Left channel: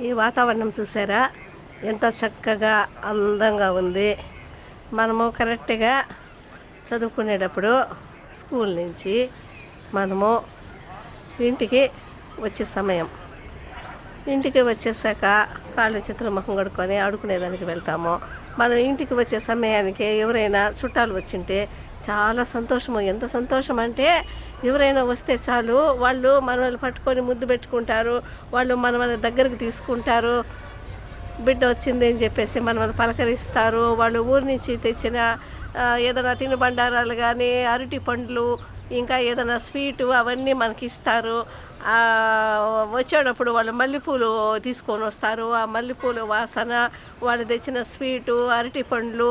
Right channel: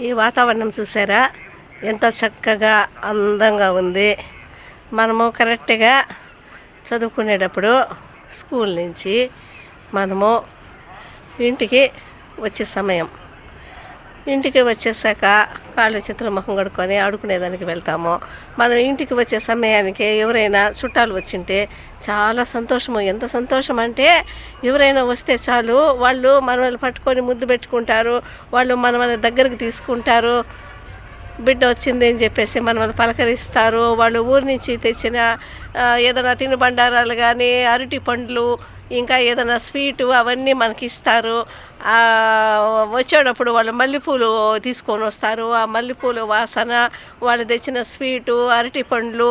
ఈ వాతావరణం చూసారా ఎంత చక్కగా అందంగా ఉంది. మనము కరెక్ట్గా చదువుకునేటప్పుడు స్కూల్ నుంచి మనము ఇంటికి వచ్చే సమయం, ఇంటికి వచ్చేసాక కాళ్ళు చేతులు ముఖం కడుక్కొని ఆడుకునేదానికి వెళ్తాము. మనం ఇంటికి వచ్చే సమయానికి ఎవరైనా చుట్టాలు వచ్చింటే చాలా సంతోషము. ఎంత సంతోషం అంటే ఎవరైనా వస్తే చాలు వాళ్ళు మనల్ని పట్టుకొని ముద్దు పెట్టుకుంటారు, వాళ్ళు మనల్ని దగ్గరికి తీసుకుంటారు. బిడ్డ వచ్చింది అని చెప్పేసి మనల్ని పలకరిస్తారు. వాళ్ళు ఊరి నుంచి తెచ్చిన ఏదైనా తినుబండారాలు కానీ, అరటి పండ్లు, ఇంకా ఏదైనా స్వీటు అవన్నీ మనకి ఇస్తారు. వచ్చేటప్పుడు వాళ్ళు మల్లెపూలు తీసుకొని వస్తారు. ఆ మల్లెపూలు వాసన, వాళ్ళు తెచ్చిన స్వీటు, అరటి పండ్లు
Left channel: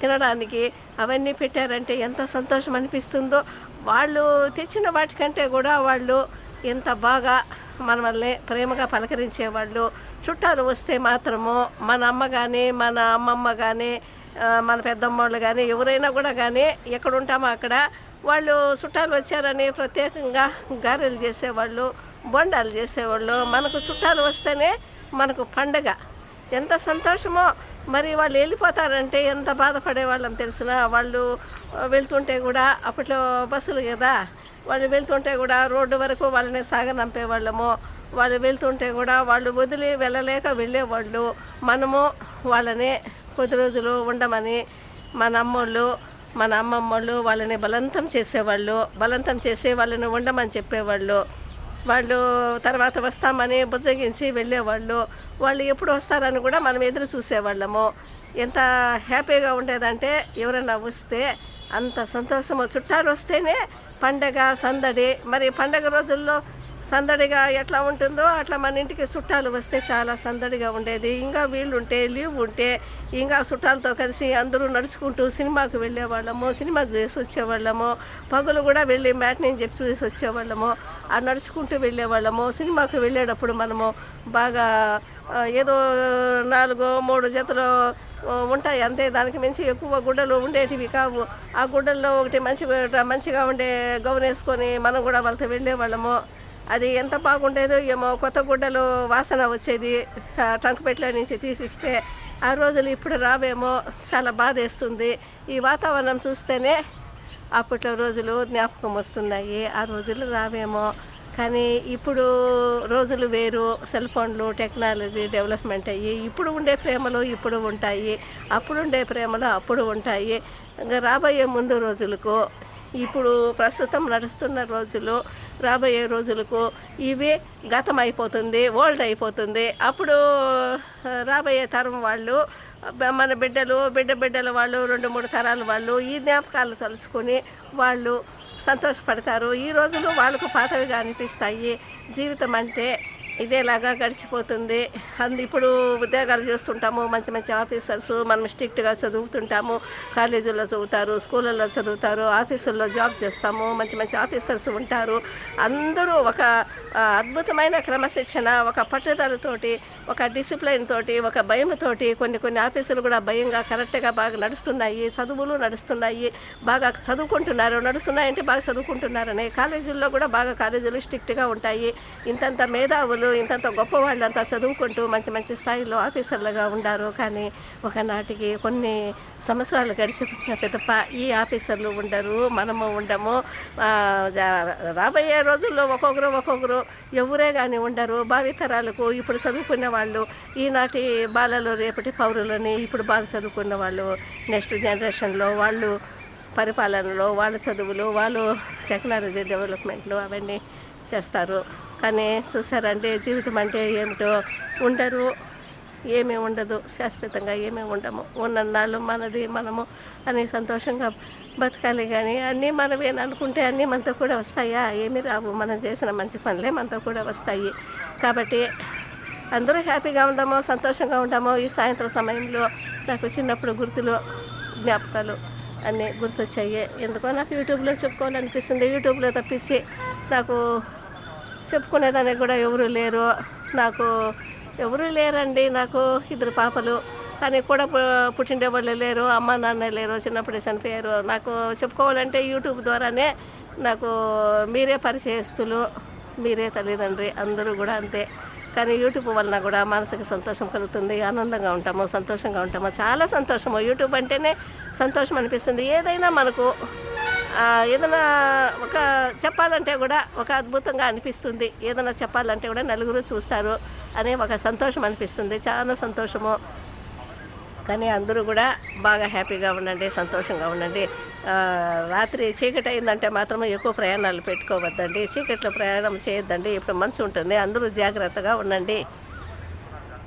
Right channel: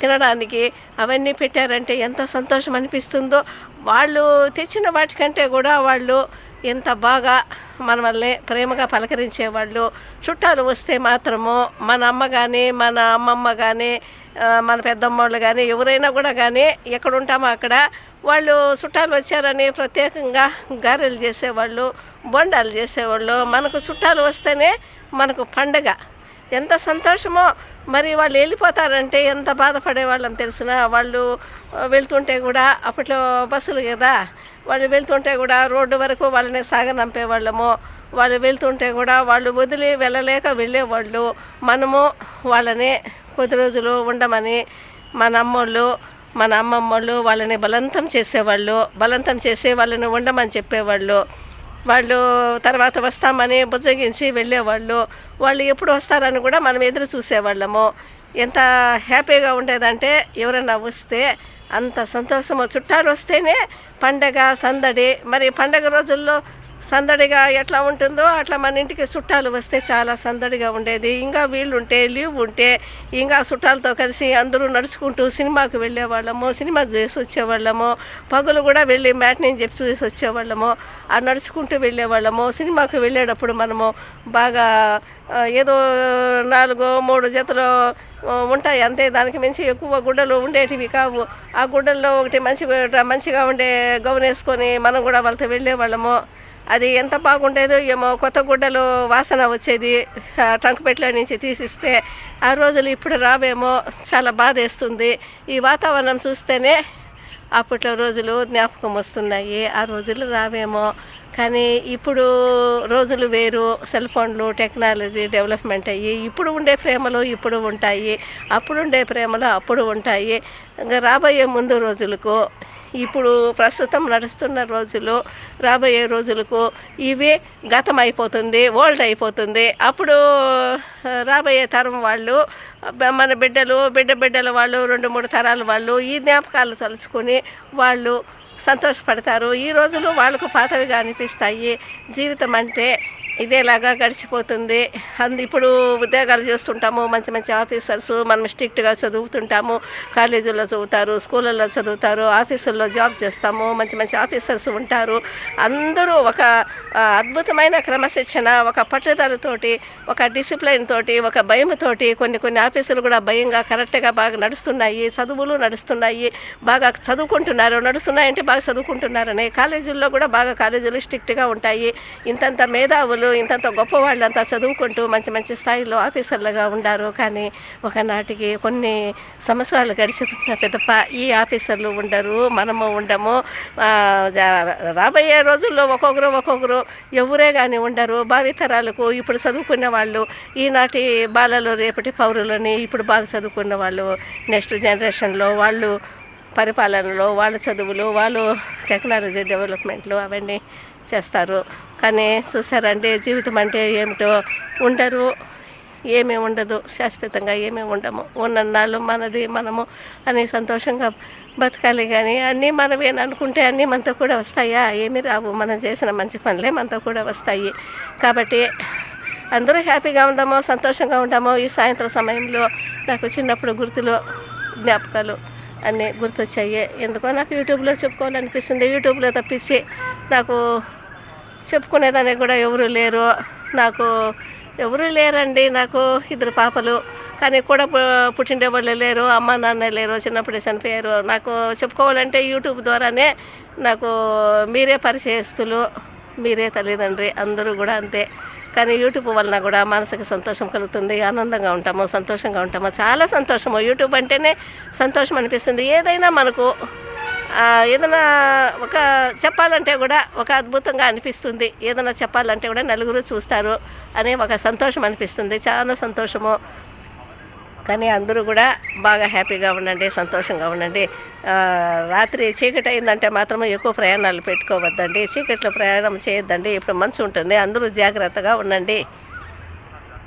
తినడానికి అవన్నీ పెట్టారంటే ఎంత సంతోషం అనిపిస్తుందో. వాళ్ళు తెచ్చిన వాటికంటే కూడా వాళ్ళు ఎంత బాగా మనల్ని ప్రేమగా పలకరించేవాళ్ళు. చుట్టాలు వస్తే మాత్రము మన అమ్మ కానీ, మన అమ్మమ్మ కానీ, మన పెద్దమ్మోళ్ళు కానీ, ఎవరైనా కూడా కానీ ఎక్కడ ఉంటామో అక్కడ వాళ్ళు చుట్టాలు వచ్చారని ప్రత్యేకంగా గారెలు చేసేవాళ్ళు, బొండాలు చేసేవాళ్ళు. మనకు చుట్టాలు వస్తేనే మనకు పండగ. ఎంత సంతోషమో. మరి వాళ్ళు వెళ్ళిపోతారంటే ఎంత బాధపడేవాళ్ళం తెలిసిన. వాళ్ళు వెళ్తుంటే కూడా అప్పట్లో బస్సులు కదా, వాళ్ళు వెళ్తుంటే కూడా రోడ్డు వరకు వాళ్ళని సాగనంపేవాళ్ళము. వాళ్ళు వెళ్తుంటే కూడా వాళ్ళు వదిలి వెళ్ళలేక వెళ్ళేవాళ్ళు. మనము వాళ్ళని కొద్ది రోజులు ఉండమని మన అమ్మోళ్ళు, మన అమ్మమ్మోళ్ళు వాళ్ళని బలవంతం చేసేవాళ్ళు. బలవంతం చేసి వాళ్ళని ఉండమని చెప్పేవాళ్ళు. వాళ్ళు తర్వాత వస్తామని బుజ్జగించి వెళ్ళేవాళ్ళు. వాళ్ళు ఎప్పుడు వస్తారని కూడా మనం ఎదురు చూసేవాళ్ళము. ఎంత హ్యాపీగా ఉండేదంటే ఎవరైనా వస్తే అంత సంతోషము. చుట్టాలు వస్తేనే పండగ సందడి. మరి పండగ రోజుల్లో సందడిగా ఎట్లా ఉంటుందో అట్లా మన ఇంటికి చుట్టాలు వస్తే చాలా సందడిగా ఉండేది. ఇంకా వీళ్ళుంటే, లీవ్ ఉంటే ఇంకా చుట్టాలతో కలిసి అందరూ నడుచుకుంటూ సినిమాకి వెళ్ళేవాళ్ళము, సినిమా చూసి వచ్చేవాళ్ళము. పగులు కూడా వెళ్ళి మ్యాట్ని చెప్పి చూసి వచ్చేవాళ్ళము. ఆ నడుచుకుంటూ వెళ్ళేవాళ్ళము. సినిమాకి వెళ్ళేటప్పుడు మనము బాగా ఏదో 4-3 జతలు ఉంటాయి అంతే, దానికి మించి ఎక్కువ గుడ్డలు ఉండేటివి కావు. ఆ గుడ్డల్లో ఒకటి మంచిగా ఉండే గౌన్ వేసుకొని మనం కూడా వాళ్ళతో వెళ్ళేవాళ్ళము. అది ఎంత బాగుండేదో ఏమో. కొత్త గుడ్డలు వాసన వచ్చేది ట్రంక్ పెట్లో నుంచి తీసిస్తే. ఆ రోజులు ఇప్పుడు రావేమో, చాలా బాధేస్తుంది. ఈ వాతావరణం చూస్తేనే అప్పట్లో రోజులు జ్ఞాపకం వస్తున్నాయి. ఆ రోజులు రావేమో. కానీ ఇప్పుడు రోజులు వేరు. సెల్ ఫోన్లు, టెక్నాలజీ డెవలప్మెంట్ అయ్యి ఇప్పుడు ఉండే ప్రేమలు ఇప్పుడు ఉంటాయి, అప్పుడు ఉండే ప్రేమలు అప్పుడు ఉంటాయి. ఇంకా రాబోయే ముందు రోజులకు, ఇప్పుడు ప్రస్తుతం నడుస్తున్న రోజులు, రాబోయే రోజులకు ఇవి గతం అయిపోతుంది, ఓల్డ్ అయిపోతుంది. అప్పుడు రాబోయే తరం వాళ్ళు, మన బిడ్డల వాళ్ళు, 2-3 తరాల వాళ్ళు ఈ జ్ఞాపకాలు తలుచుకొని వాళ్ళు సంతోషపడతారు. ఈ రోజులు వాళ్ళకు పాతవిగా అనిపిస్తాయి. జీవితం అంటే ఇదేలాగా గడిచిపోతుంది. ఇప్పుడు ఉద్యోగాలు చేస్తుంటాము, మంచి మంచి ఆఫీసర్స్, మనం స్ట్రిక్ట్గా చదువుతుంటాము. కాలేజీల్లో చదువుతారు, స్కూళ్ళల్లో చదువుతారు, ఆఫీసుల్లో జాబ్ చేస్తాము. మంచి మంచి ఆఫీసర్స్ ఉంటారు. అందరూ ఒక అద్భుతమైన క్రమశిక్షణ, ఒక పట్టుదలతోటి, ఒక డిసిప్లైన్ తోటి, ఒక భయంతోటి కొన్ని ఆఫీసులు కూడా భయంగా కరెక్ట్గా బాగా నడుస్తున్నాయి. చదువులు నడుస్తున్నాయి, బాగా చదువుకుంటున్నారు. నడుస్తున్నాయంటే బాగా చదువుకుంటున్నారని. కాలేజీల్లో కూడా బాగా కాలేజీలు స్ట్రిక్ట్గా ఉంటాయి. ఇంతంత మేధావులు, ఇంతంత గొప్పవాళ్ళంతా చదువుకుంటూ మంచి మంచి స్థాయిలో ఆఫీసర్లుగా ఉండారు. కానీ ఒకనాటికి కొన్ని సంవత్సరాలు గడిచిన పెద్దప్ప ఈ ఆఫీసర్లు ఉండరు, మనము ఉండము. రాబోయే రోజుల్లో ఒక్కొక్కరు ఎవరే కానీ ఉండరు. భావితరాలకు ఇప్పుడు చదువుకున్న వాళ్ళు, ఈనాటి బాలలు రేపటి పౌరులని, ఇప్పుడు బాగా చదువుకున్న వాళ్ళు నెక్స్ట్ జనరేషన్లో వాళ్ళు పరిపాలనలో, వాళ్ళ చదువులు, వాళ్ళు టెక్నాలజీ డెవలప్మెంట్లు అవన్నీ చేస్తారు. కానీ చూసారంటే జీవితం అంటే ఏమిటో ఉండరు, ఏమీ ఉండదు. శాశ్వతంగా ఏమీ ఉండము. ఉన్నన్నాళ్ళు మనది మనము అని సంతోషంగా బతకాలి. కానీ అన్నీ మనమేని అనుకుంటే అన్నీ మనతో కూడా వస్తాయా? ఏమీ రావు. మనం చేసిన మంచి పనులే మనతో కూడా వస్తాయి. కాబట్టి అందరూ హ్యాపీగా ఉందామో, సంతోషంగా ఉంటామో. ఈ సాయంత్రం సమయంలో నాకు చిన్నప్పుడు గుర్తులు, జ్ఞాపకాలు అన్నీ గుర్తొచ్చాయి. ఎందుకో నాకు యూట్యూబ్లో చెప్పుకోవాలనిపిస్తుంది. యూట్యూబ్లో తప్పించి నాకు చెప్పుకునేదానికి కూడా ఎవరు లేరు. నాకు ఎవరు లేరండి. నాకు 2 పాపలు, కానీ కూడా పుట్టిండే వాళ్ళు లేరు, అమ్మ నాన్న లేరు, చిన్నప్పుడే చనిపోయారు. నాకు చెప్పుకోవాలంటే యూట్యూబ్ ద్వారానే నాకు మీరే పరిచయస్తులు, మీరే తల్లిదండ్రి, అందరూ కూడా అంతే. కానీ యూట్యూబ్ వలన కూడా మనసుకు సంతోషం కలుగుతుంది, ఆనందంగా ఉంటాము, సంతోషంగా ఉంటాము. చాలా సంతోషము. యూట్యూబ్ అంటేనే సంతోషం అనిపిస్తుంది. ఏదైనా మనకు ఏదైనా ఒక చెప్పాలంటే కూడా ఒక అద్భుతంగా అనిపిస్తుంది. ఏదైనా చెప్పాలంటే కూడా నలుగురు చూస్తారు అనే ఒక సంతోషం అనిపిస్తుంది. చాలా సంతోషము. కానీ అందరూ కూడా బాగా హ్యాపీగా ఉండండి, సంతోషంగా ఉండండి. రాత్రి చీకటి అయిందంటే మాత్రం ఎక్కువ ప్రయాణాలు పెట్టుకోవద్దండి. చీకట్లో ప్రయాణం చేయొద్దండి. ఇప్పుడు మంచు ఉంటుంది. అందరూ జాగ్రత్తగా ఉండండి.